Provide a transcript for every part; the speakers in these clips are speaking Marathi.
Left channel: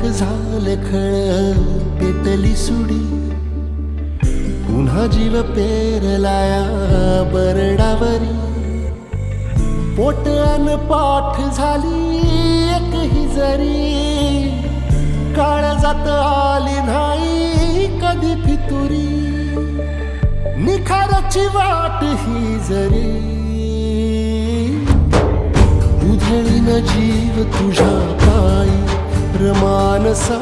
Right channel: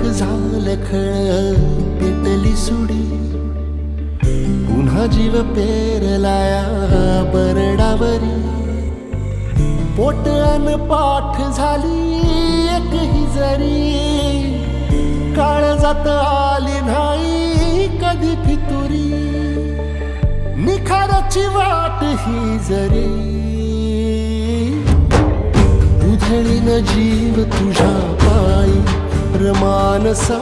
लाख झालं खळ पेटली सुडी, पुन्हा जीव पेरलाया बरडावरी. पोट अन पाठ झाली एक ही जरी, काळजात आली नाही कधी फितुरी. निखाराची वाट ही जरी, उधळीन जीव तुझ्या पायी रमानसा.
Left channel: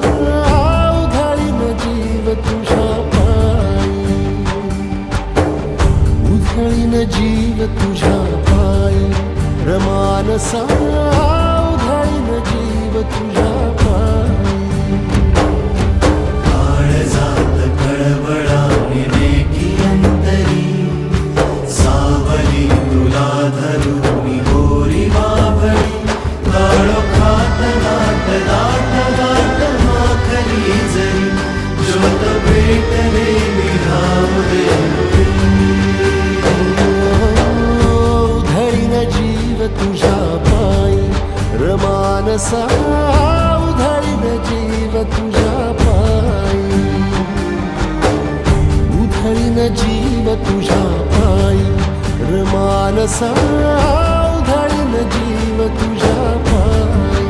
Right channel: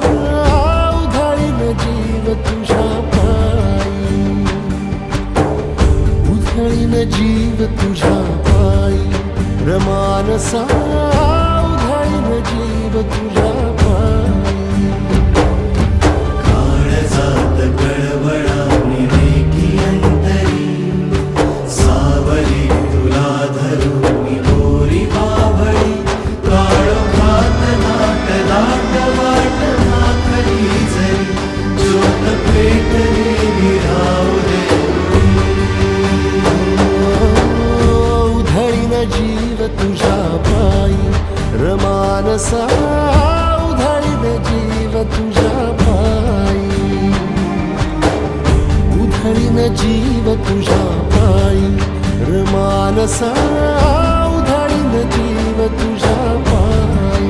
उधळीन जीव तुझ्या पायी, उधळीन जीव तुझ्या पायी रमानसा. उधळीन जीव तुझ्या पायी. जीव तुझ्या पायी रमानसा. उधळीन जीव तुझ्या पायी, उधळीन जीव तुझ्या पायी रमानसा. उधळीन जीव तुझ्या पायी.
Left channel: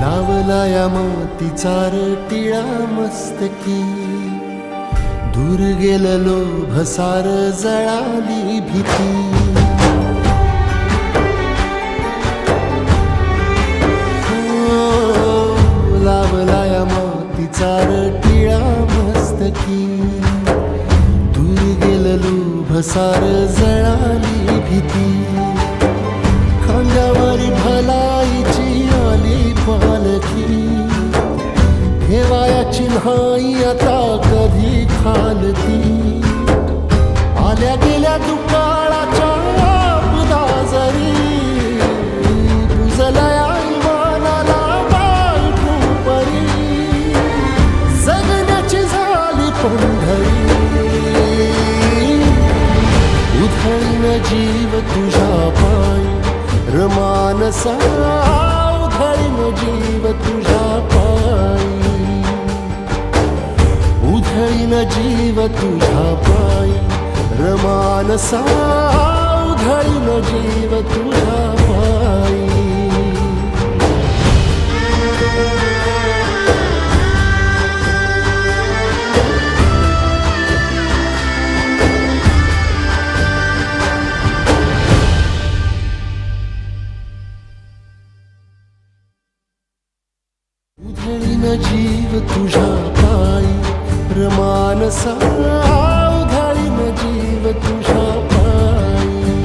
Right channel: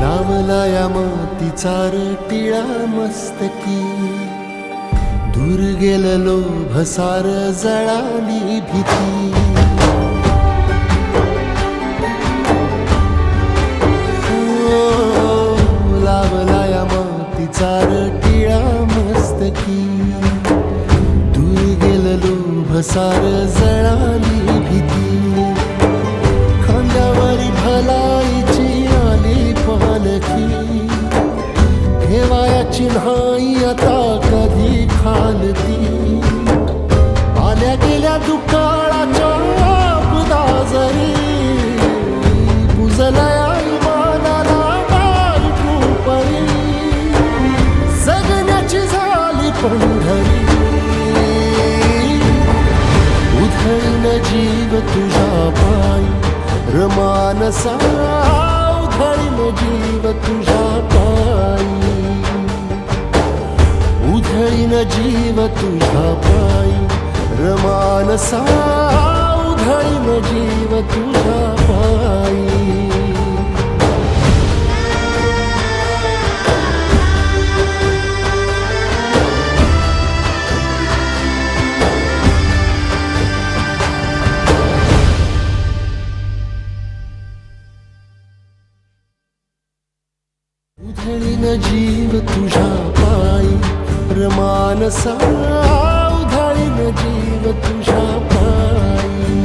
लावलाया मातीचा टिळा मस्तकी, दूर गेलं लोभ सार जळाली भीती. लावलाया मातीचा टिळा मस्तकी, दूर गेलं लोभ सार जळाली भीती. खांद्यावरी भलाईची आली पालखी, ठेवायाची नाही आता कधी खालती. आल्या गेल्या दुकाळाच्या आपदा जरी, पुजलया इमानाला बायकू परी. जगण्याची झाली पंढरी, उधळीन जीव तुझ्या पायी रमानसा. उधळीन जीव तुझ्या पायी, उधळीन जीव तुझ्या पायी रमानसा. उधळीन जीव तुझ्या पायी. उधळीन जीव तुझ्या पायी रमानसा. उधळीन जीव तुझ्या पायी.